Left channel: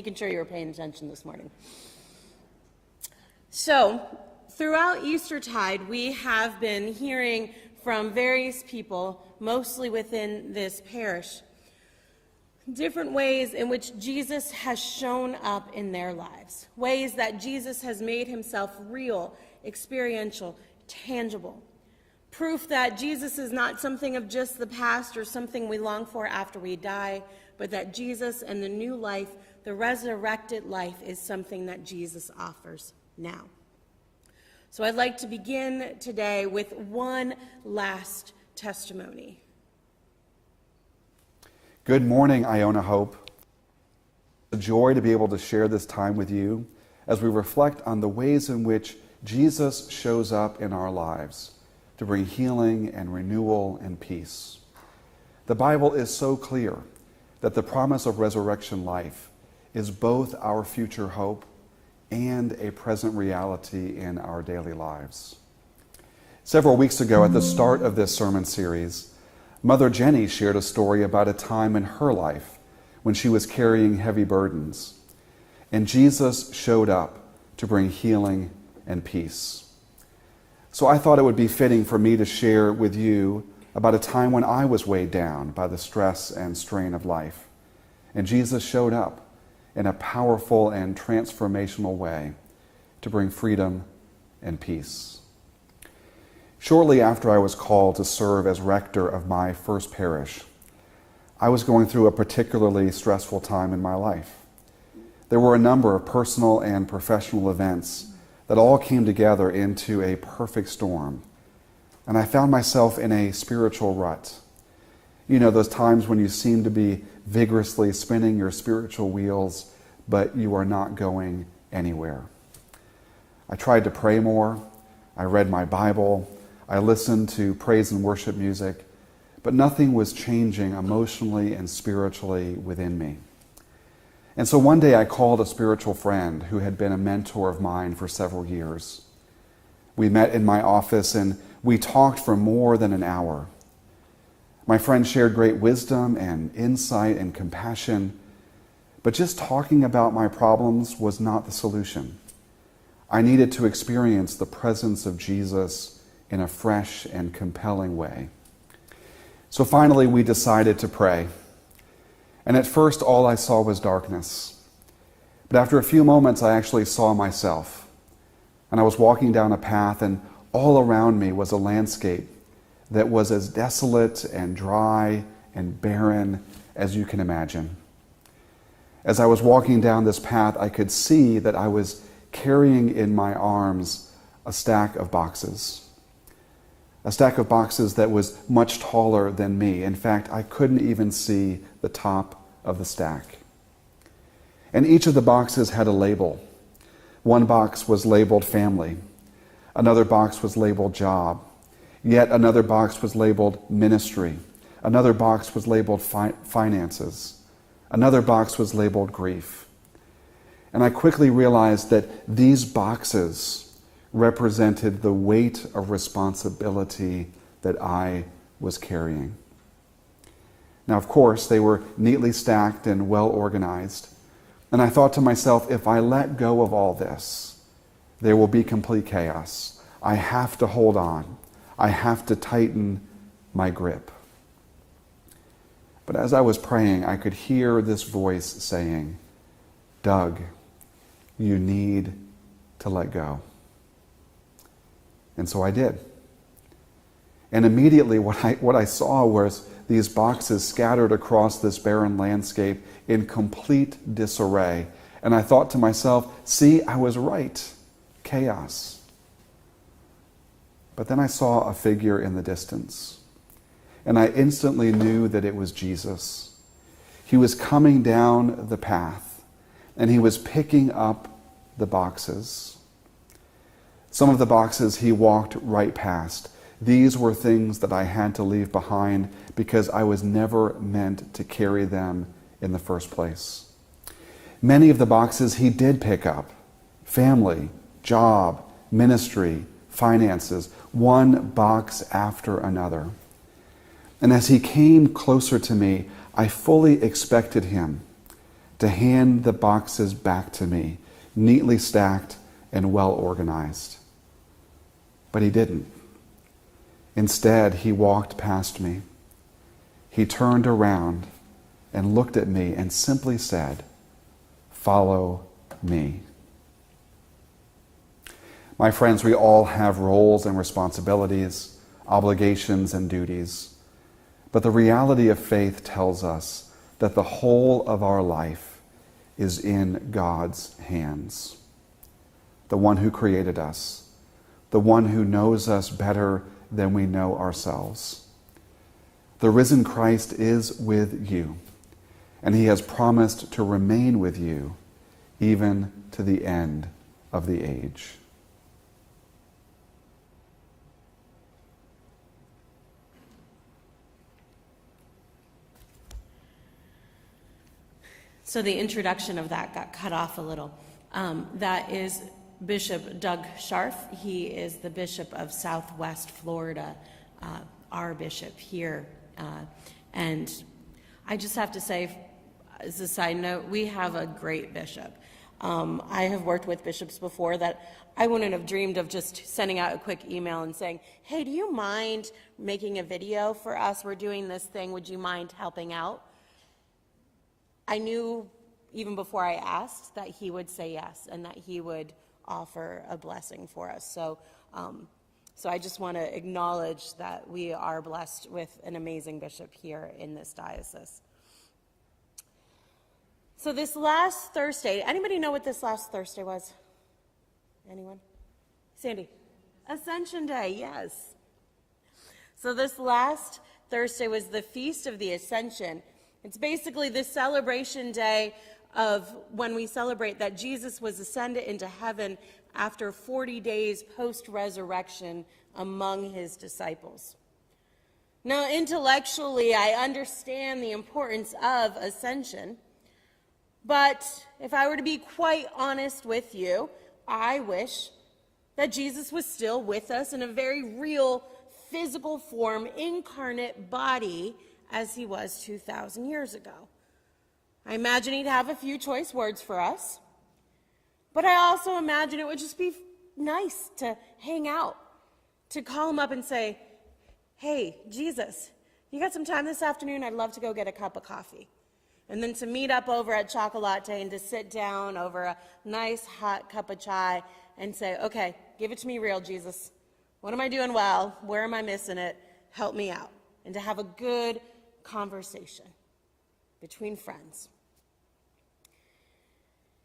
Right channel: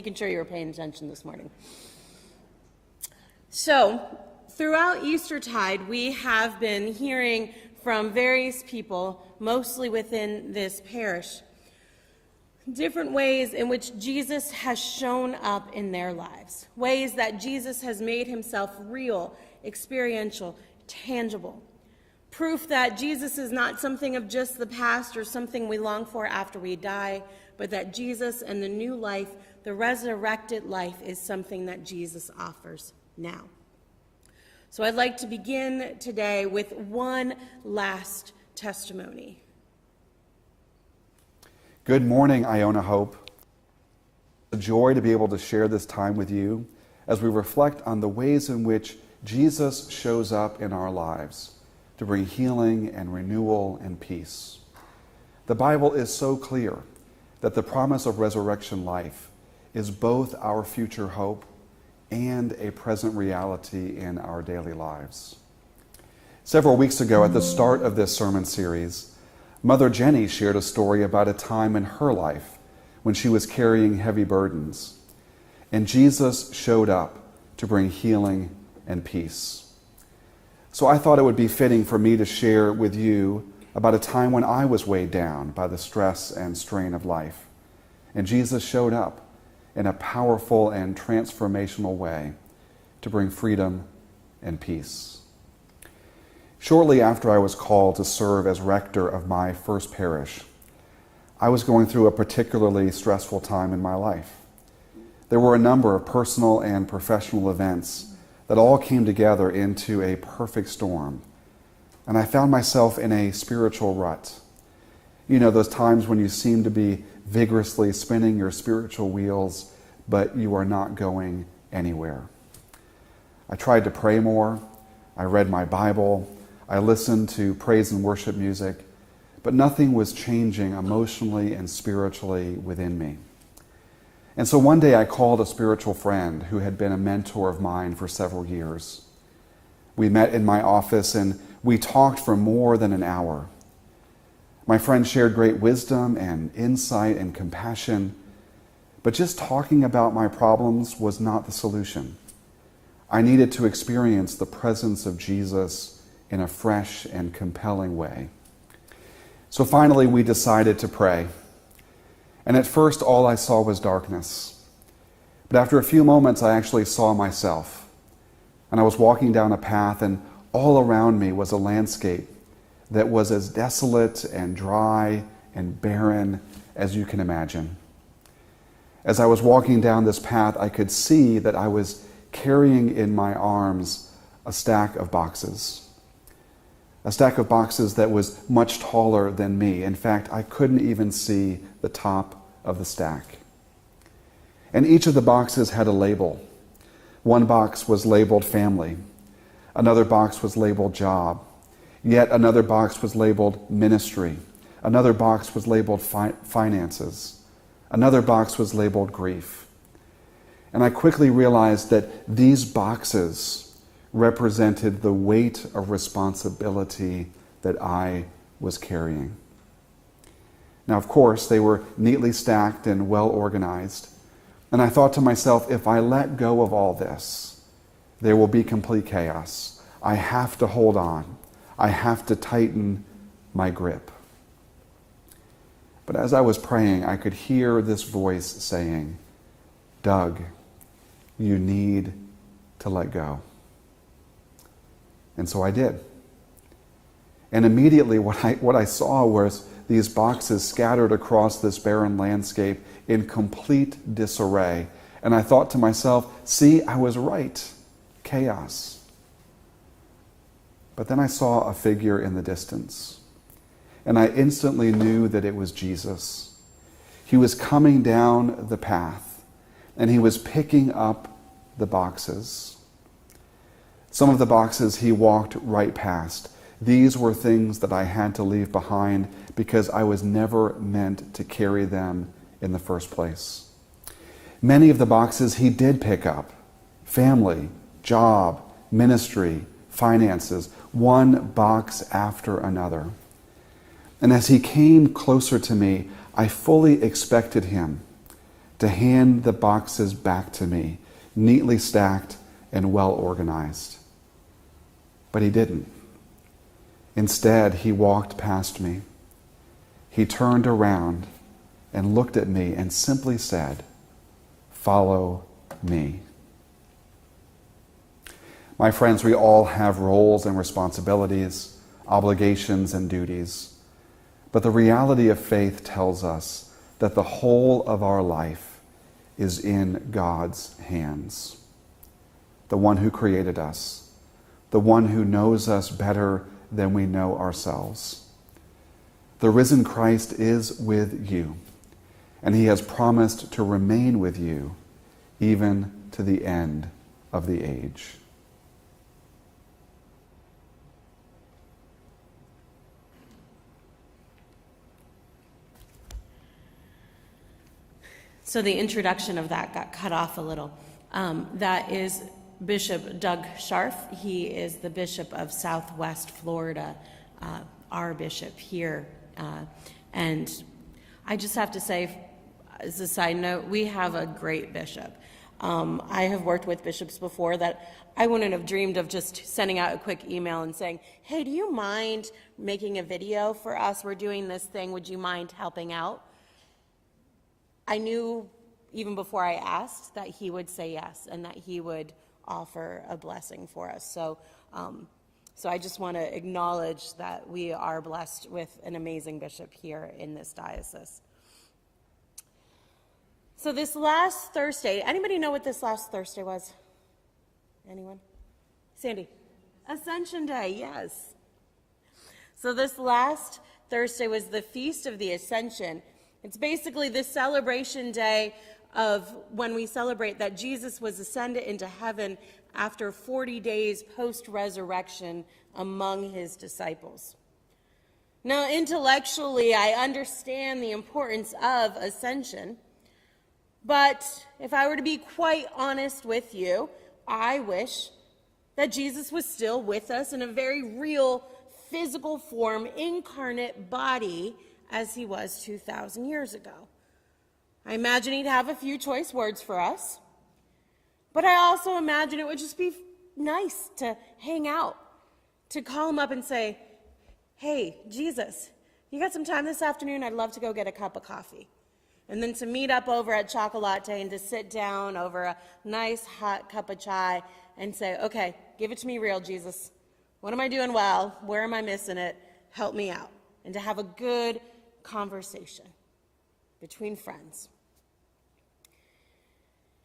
making sure you were paying attention this morning. So, throughout Eastertide, we have been hearing from various people, mostly within this parish, different ways in which Jesus has shown up in their lives, ways that Jesus has made himself real, experiential, tangible. Proof that Jesus is not something of just the past or something we long for after we die, but that Jesus and the new life, the resurrected life, is something that Jesus offers now. So I'd like to begin today with one last testimony. Good morning, Iona Hope. It's a joy to be able to share this time with you as we reflect on the ways in which Jesus shows up in our lives to bring healing and renewal and peace. The Bible is so clear that the promise of resurrection life is both our future hope and a present reality in our daily lives. Several weeks ago, at the start of this sermon series, Mother Jenny shared a story about a time in her life when she was carrying heavy burdens, and Jesus showed up to bring healing and peace. So I thought it would be fitting for me to share with you about a time when I was weighed down by the stress and strain of life, and Jesus showed up in a powerful and transformational way to bring freedom and peace. Shortly after I was called to serve as rector of my first parish, I was going through a particularly stressful time in my life. There were a number of personal and professional events that all came together into a perfect storm, and I found myself in a spiritual rut. You know, those times when you seem to be vigorously spinning your spiritual wheels, but you are not going anywhere. I tried to pray more. I read my Bible. I listened to praise and worship music, but nothing was changing emotionally and spiritually within me. And so one day I called a spiritual friend who had been a mentor of mine for several years. We met in my office and we talked for more than an hour. My friend shared great wisdom and insight and compassion, but just talking about my problems was not the solution. I needed to experience the presence of Jesus in a fresh and compelling way. So finally we decided to pray. And at first all I saw was darkness. But after a few moments I actually saw myself. And I was walking down a path and all around me was a landscape that was as desolate and dry and barren as you can imagine. As I was walking down this path, I could see that I was carrying in my arms a stack of boxes. A stack of boxes that was much taller than me. In fact, I couldn't even see the top of the stack. And each of the boxes had a label. One box was labeled family. Another box was labeled job. Yet another box was labeled ministry. Another box was labeled finances. Another box was labeled grief. And I quickly realized that these boxes represented the weight of responsibility that I was carrying. Now, of course, they were neatly stacked and well organized. And I thought to myself, if I let go of all this, there will be complete chaos. I have to hold on. I have to tighten my grip. But as I was praying, I could hear this voice saying, Doug, you need to let go. And so I did. And immediately what I saw was these boxes scattered across this barren landscape in complete disarray. And I thought to myself, see, I was right. Chaos. But then I saw a figure in the distance, and I instantly knew that it was Jesus. He was coming down the path, and he was picking up the boxes. Some of the boxes he walked right past. These were things that I had to leave behind because I was never meant to carry them in the first place. Many of the boxes he did pick up. Family, job, ministry, finances, one box after another. And as he came closer to me, I fully expected him to hand the boxes back to me, neatly stacked and well organized. But he didn't. Instead, he walked past me. He turned around and looked at me and simply said, "Follow me." My friends, we all have roles and responsibilities, obligations and duties. But the reality of faith tells us that the whole of our life is in God's hands. The one who created us, the one who knows us better than we know ourselves. The risen Christ is with you, and he has promised to remain with you even to the end of the age. So the introduction of that got cut off a little. That is Bishop Doug Scharf. He is the Bishop of Southwest Florida, our bishop here. And I just have to say, as a side note, we have a great bishop. I have worked with bishops before that I wouldn't have dreamed of just sending out a quick email and saying, "Hey, do you mind making a video for us? We're doing this thing. Would you mind helping out?" I knew even before I asked that he would say yes and that he would offer a blessing for us. So I just want to acknowledge that we are blessed with an amazing bishop here in this diocese. So this last Thursday, anybody know what this last Thursday was? Anyone? Sandy? Ascension Day, yes. So this last Thursday was the Feast of the Ascension. It's basically the celebration day of when we celebrate that Jesus was ascended into heaven after 40 days post-resurrection among his disciples. Now, intellectually, I understand the importance of ascension, but if I were to be quite honest with you, I wish that Jesus was still with us in a very real physical form, incarnate body, as he was 2,000 years ago. I imagine he'd have a few choice words for us, but I also imagine it would just be nice to hang out, to call him up and say, "Hey, Jesus, you got some time this afternoon? I'd love to go get a cup of coffee." And then to meet up over at Chocolate and to sit down over a nice hot cup of chai and say, "Okay, give it to me real, Jesus. What am I doing well? Where am I missing it? Help me out." And to have a good conversation between friends.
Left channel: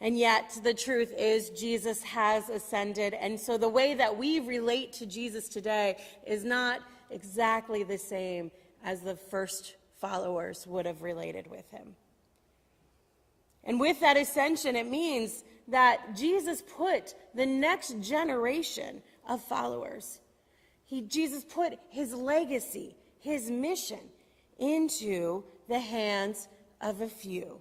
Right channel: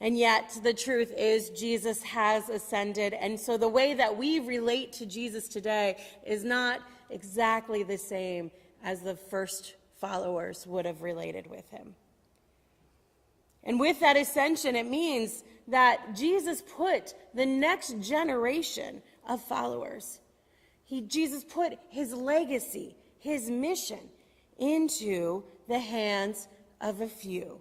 And yet, the truth is, Jesus has ascended, and so the way that we relate to Jesus today is not exactly the same as the first followers would have related with him. And with that ascension, it means that Jesus put the next generation of followers, Jesus put his legacy, his mission, into the hands of a few.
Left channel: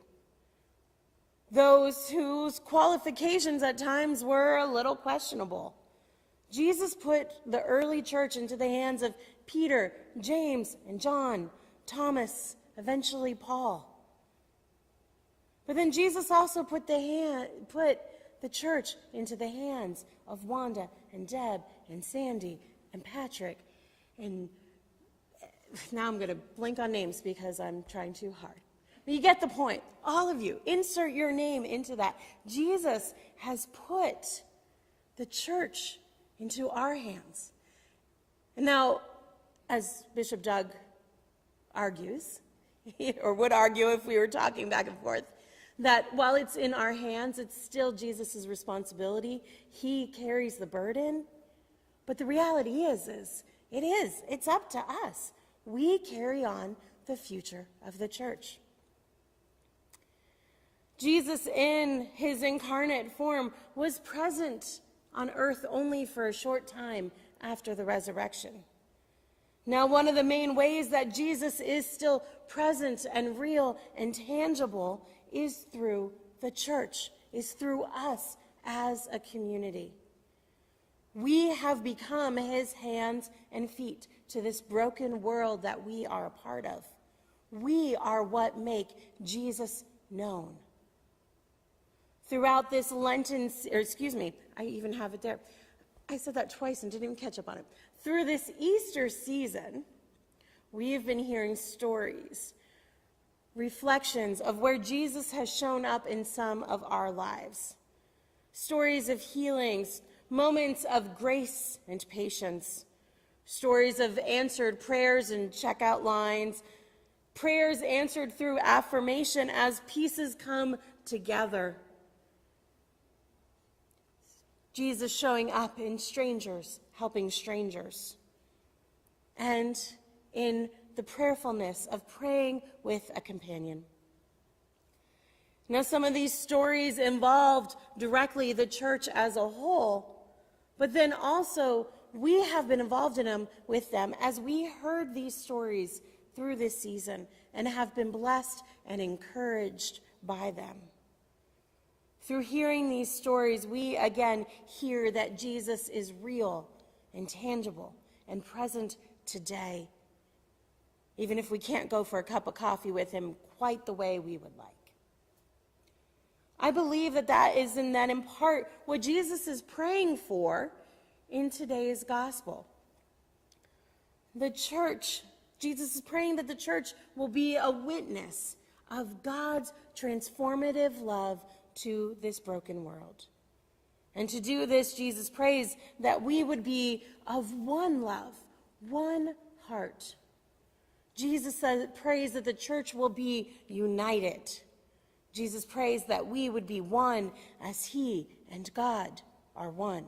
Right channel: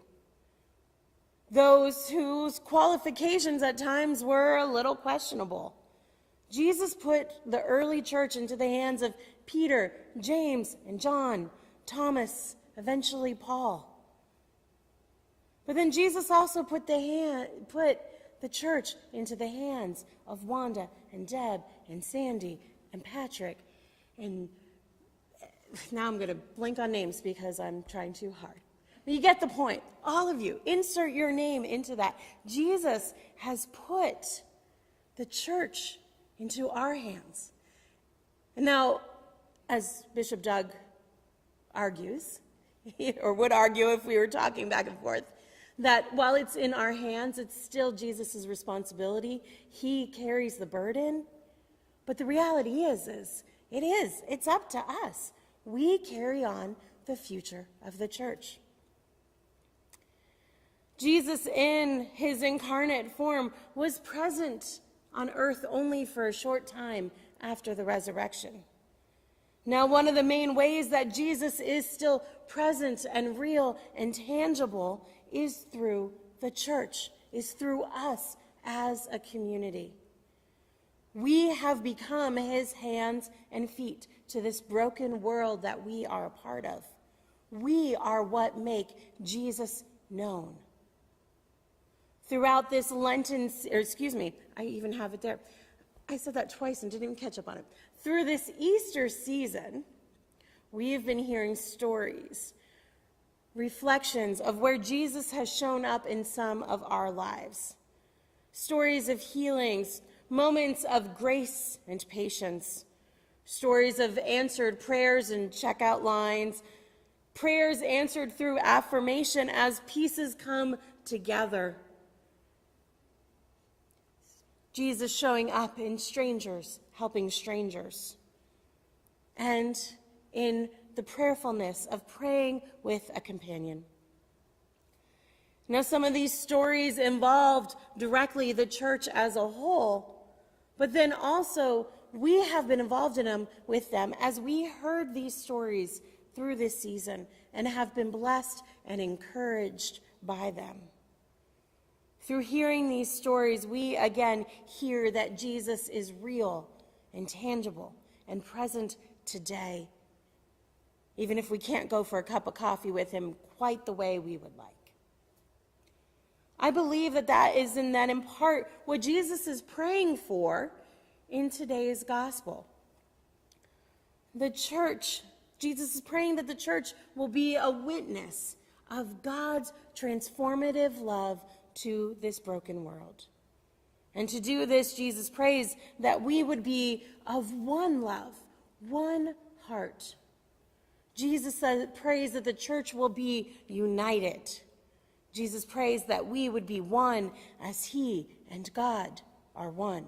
Those whose qualifications at times were a little questionable. Jesus put the early church into the hands of Peter, James, and John, Thomas, eventually Paul. But then Jesus also put the church into the hands of Wanda and Deb and Sandy and Patrick, and now I'm going to blink on names because I'm trying too hard. But you get the point. All of you, insert your name into that. Jesus has put the church into our hands. And now, as Bishop Doug argues, or would argue if we were talking back and forth, that while it's in our hands, it's still Jesus' responsibility. He carries the burden. But the reality is it's up to us. We carry on the future of the church. Jesus, in his incarnate form, was present on earth only for a short time after the resurrection. Now, one of the main ways that Jesus is still present and real and tangible is through the church, is through us as a community. We have become his hands and feet to this broken world that we are a part of. We are what make Jesus known. throughout this Lenten, or excuse me, I even have it there. I said that twice and didn't even catch up on it. Through this Easter season, we've been hearing stories, reflections of where Jesus has shown up in some of our lives. Stories of healings, moments of grace and patience, stories of answered prayers and checkout lines, prayers answered through affirmation as pieces come together. Jesus showing up in strangers, helping strangers, and in the prayerfulness of praying with a companion. Now, some of these stories involved directly the church as a whole, but then also we have been involved in them with them as we heard these stories through this season and have been blessed and encouraged by them. Through hearing these stories, we again hear that Jesus is real and tangible and present today, even if we can't go for a cup of coffee with him quite the way we would like. I believe that is in part what Jesus is praying for in today's gospel. The church, Jesus is praying that the church will be a witness of God's transformative love to this broken world. And to do this, Jesus prays that we would be of one love, one heart. Jesus prays that the church will be united. Jesus prays that we would be one as he and God are one.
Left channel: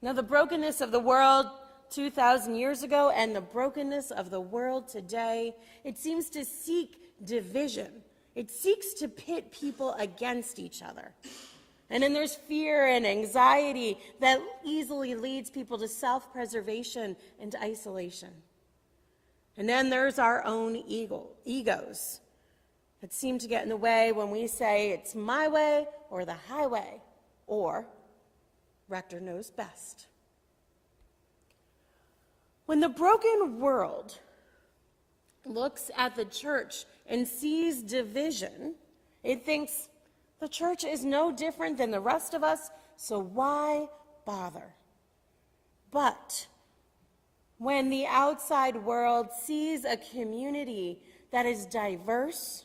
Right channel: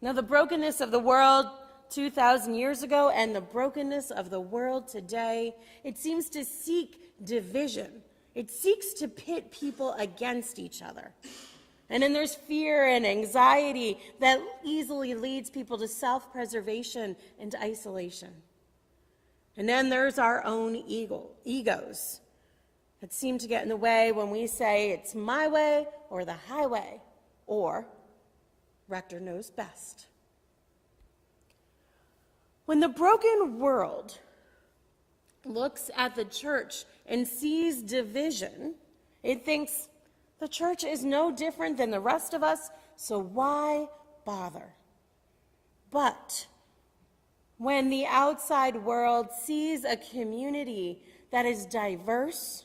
Now, the brokenness of the world 2,000 years ago and the brokenness of the world today, it seems to seek division. It seeks to pit people against each other. And then there's fear and anxiety that easily leads people to self-preservation and isolation. And then there's our own egos that seem to get in the way when we say it's my way or the highway, or Rector knows best. When the broken world looks at the church and sees division, it thinks the church is no different than the rest of us, so why bother? But when the outside world sees a community that is diverse,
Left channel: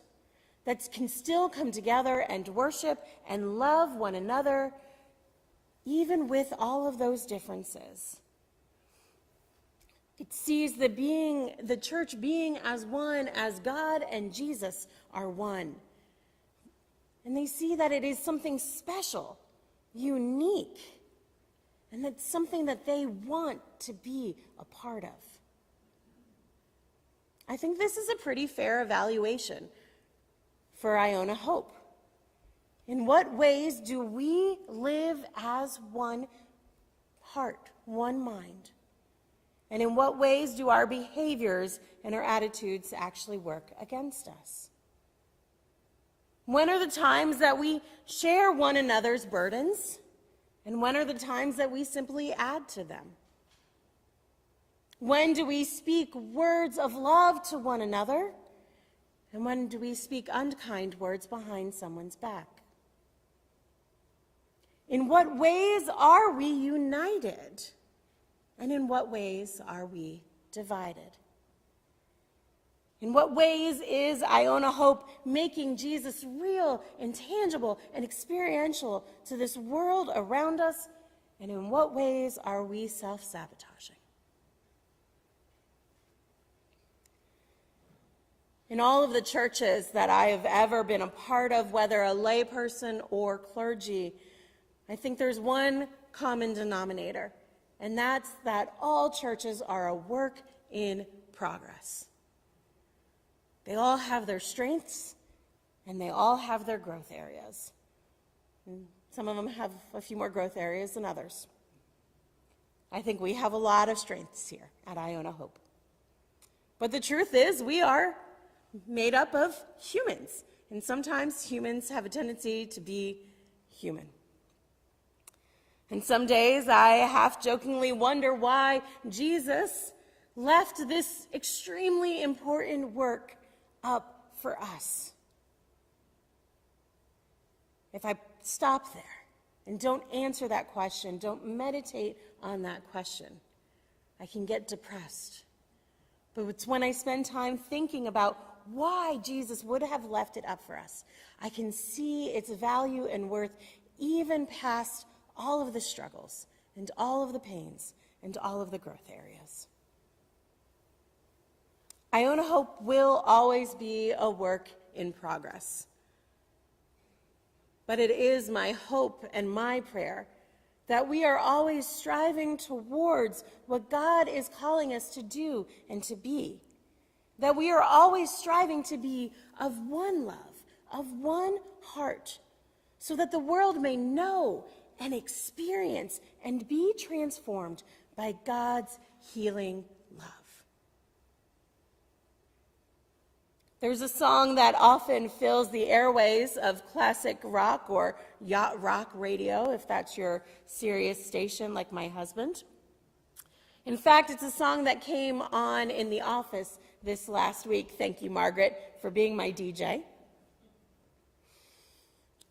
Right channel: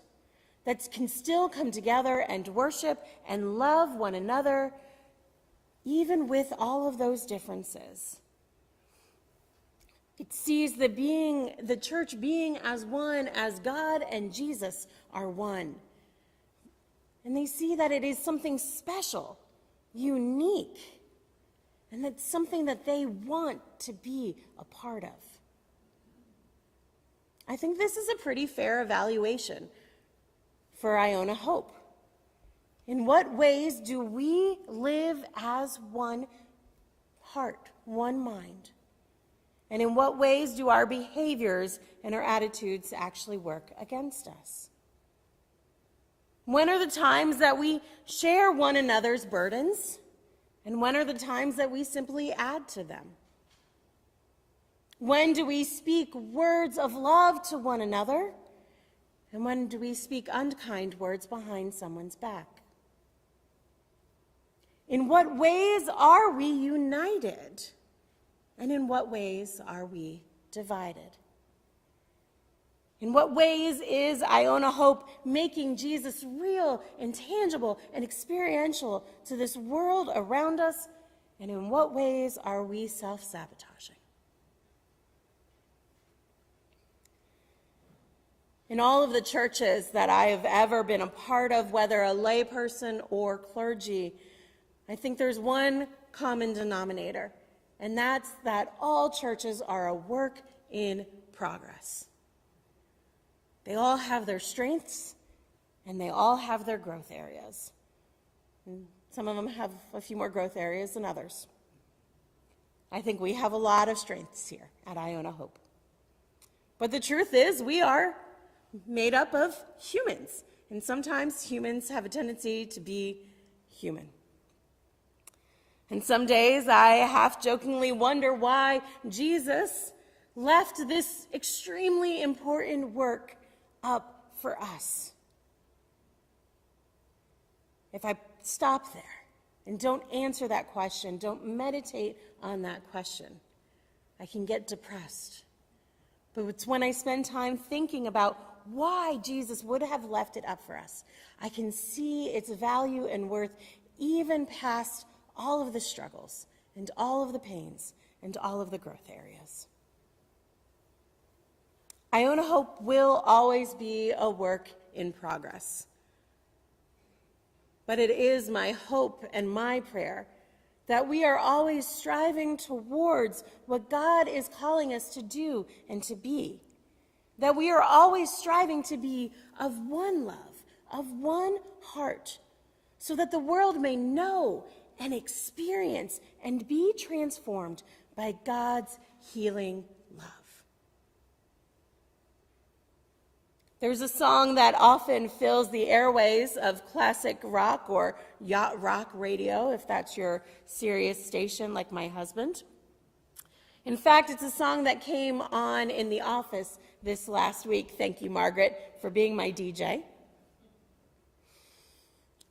that can still come together and worship and love one another, even with all of those differences, it sees the church being as one as God and Jesus are one. And they see that it is something special, unique, and that's something that they want to be a part of. I think this is a pretty fair evaluation for Iona Hope. In what ways do we live as one heart, one mind? And in what ways do our behaviors and our attitudes actually work against us? When are the times that we share one another's burdens? And when are the times that we simply add to them? When do we speak words of love to one another? And when do we speak unkind words behind someone's back? In what ways are we united? And in what ways are we divided? In what ways is Iona Hope making Jesus real and tangible and experiential to this world around us? And in what ways are we self-sabotaging? In all of the churches that I have ever been a part of, whether a layperson or clergy, I think there's one common denominator, and that's that all churches are a work in progress. They all have their strengths, and they all have their growth areas. And some of them have a few more growth areas than others. I think we have a lot of strengths here at Iona Hope. But the truth is, we are made up of humans, and sometimes humans have a tendency to be human. And some days I half-jokingly wonder why Jesus left this extremely important work up for us. if I stop there and don't answer that question, don't meditate on that question, I can get depressed. But it's when I spend time thinking about why Jesus would have left it up for us, I can see its value and worth even past all of the struggles and all of the pains and all of the growth areas. Iona Hope will always be a work in progress. But it is my hope and my prayer that we are always striving towards what God is calling us to do and to be. That we are always striving to be of one love, of one heart, so that the world may know and experience and be transformed by God's healing love. There's a song that often fills the airways of classic rock or yacht rock radio, if that's your Sirius station like my husband. In fact, it's a song that came on in the office this last week. Thank you, Margaret, for being my DJ.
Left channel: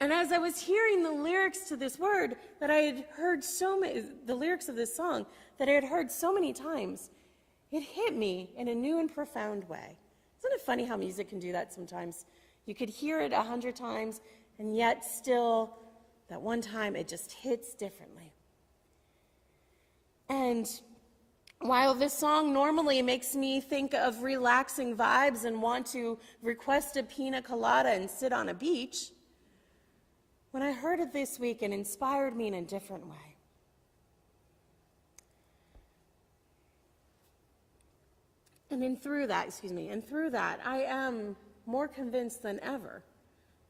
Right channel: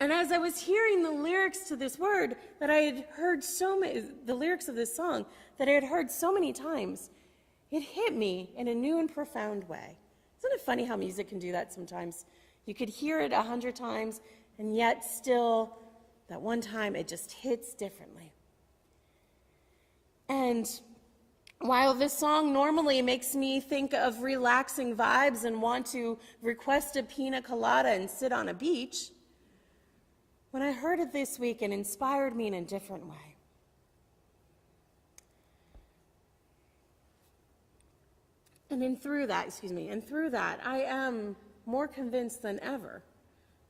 And as I was hearing the lyrics to this word that I had heard the lyrics of this song that I had heard so many times, it hit me in a new and profound way. Isn't it funny how music can do that sometimes? You could hear it 100 times, and yet still, that one time, it just hits differently. And while this song normally makes me think of relaxing vibes and want to request a pina colada and sit on a beach, when I heard it this week, it inspired me in a different way. And through that, I am more convinced than ever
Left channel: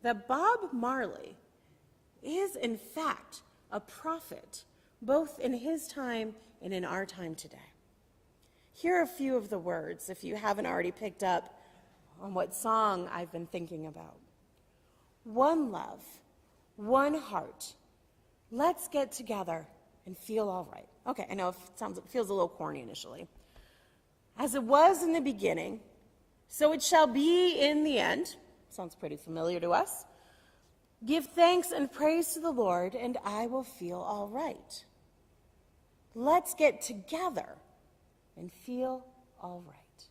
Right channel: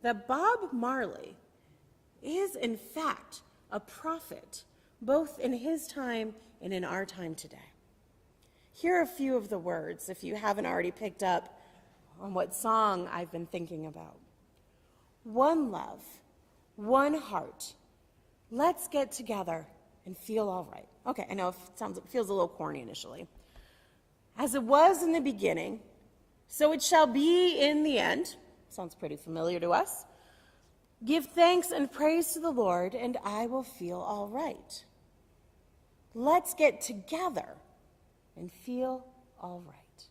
that Bob Marley is, in fact, a prophet, both in his time and in our time today. Here are a few of the words, if you haven't already picked up on what song I've been thinking about. One love, one heart. Let's get together and feel all right. Okay, I know it feels a little corny initially. As it was in the beginning, so it shall be in the end. Sounds pretty familiar to us. Give thanks and praise to the Lord, and I will feel all right. Let's get together and feel all right.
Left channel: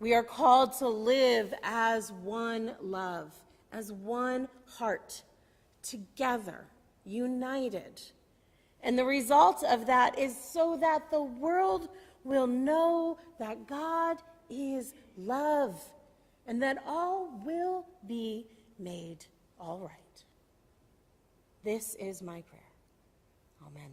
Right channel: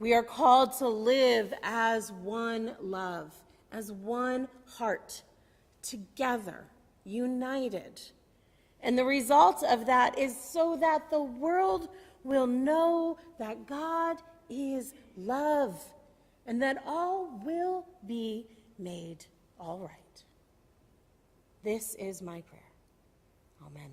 We are called to live as one love, as one heart, together, united. And the result of that is so that the world will know that God is love and that all will be made all right. This is my prayer. Amen.